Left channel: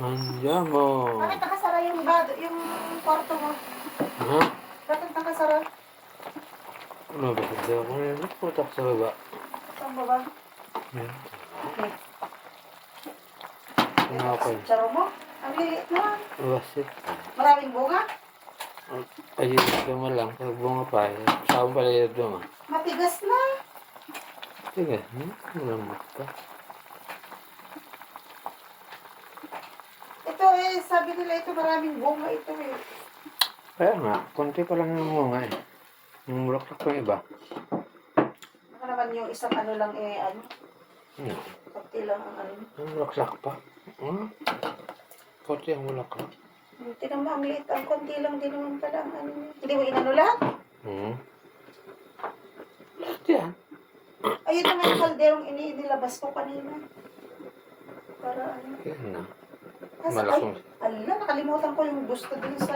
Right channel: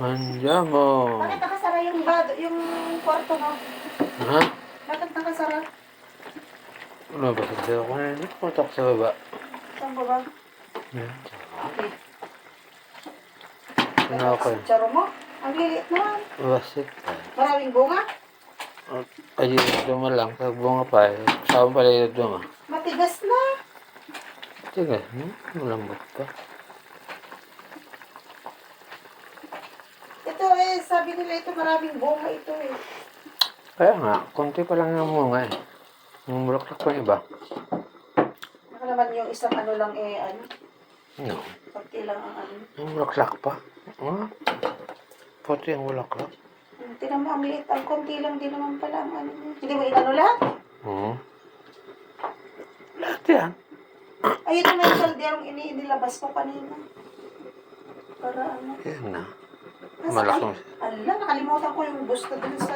Manjamo. Bakit nakasara yung, bad, yung kwarto mo? Ha? Bakit nakasara? Ano ba? Hindi ako na putak sa baba. Saan ba ba? Yan. Okay. Ano ako? Tsaro mo? Ang liliit naman. Basit. Maraming bunga. Ayun, duma lang. Pag bunga pa eh. Saan pala yung duma? Matigas na. Tiga, hmm? Malambot pa. Ito eh, sabi nila ito maraming bunga ito eh. Kaya nga, konti pa lang yung bunga eh. Yung bulaklak pa yung iba. Baka naman yung isang ano lang eh, ano, No. pati lang ang ano. Yung bulaklak pa. Hmm? Puti ang bulaklak. Hmm, Tingnan mo, ang liit. Ang konti lang din naman pala ang ano niya. Hindi mo inano lahat? Hmm. Lahat yan. Ayun ang may kalderong ini inilabas ko kanina. Para ano. Yan na. Malaking. Ala, nakalimutan ko yung gusto dun sa